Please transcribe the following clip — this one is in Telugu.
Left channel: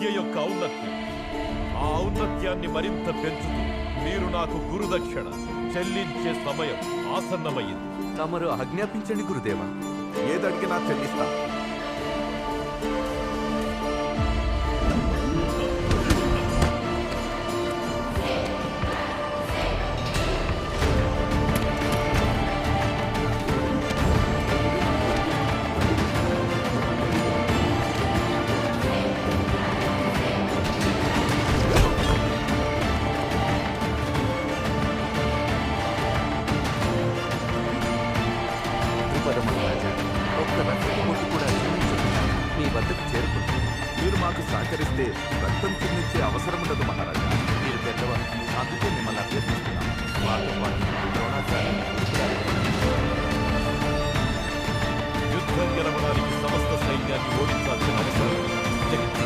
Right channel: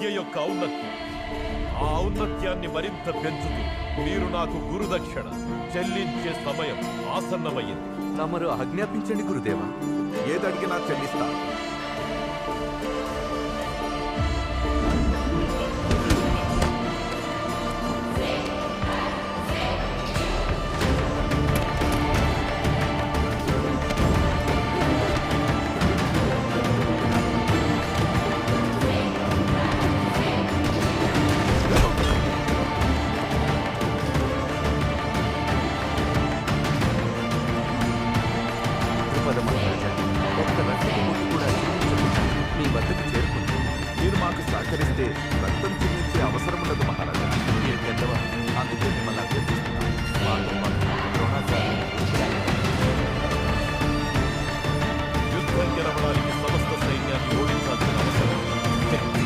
విద్య యొక్క ఔన్నత్యం. ఆ ఔన్నత్యాన్ని మరింత పెంచుతూ మీరు నాకు గురుదక్షిణ చెల్లించే సమయం ఆసన్నమయ్యింది. తమరు ఆజ్ఞాపించండి గురుదేవా. ఏదడిగినా చెల్లిస్తా. మహారాజా, ఒక్క రక్తపు బొట్టు కూడా చిందించకుండా మీ వద్దకు చేరుకుంటాను. మీరు మాకు సహకరిస్తే రక్తం చిందించే అవసరం ఉండదు మహారాజా. మీరు పెద్దవారు, అందుకే మిమ్మల్ని అభ్యర్థిస్తున్నాం. మాతో పాటు ద్రోణాచార్యుని గురుకులాలకు యుద్ధం గెలవడానికి సమస్త సైన్యాన్ని ఓడించాల్సిన అవసరం లేదు. శక్తి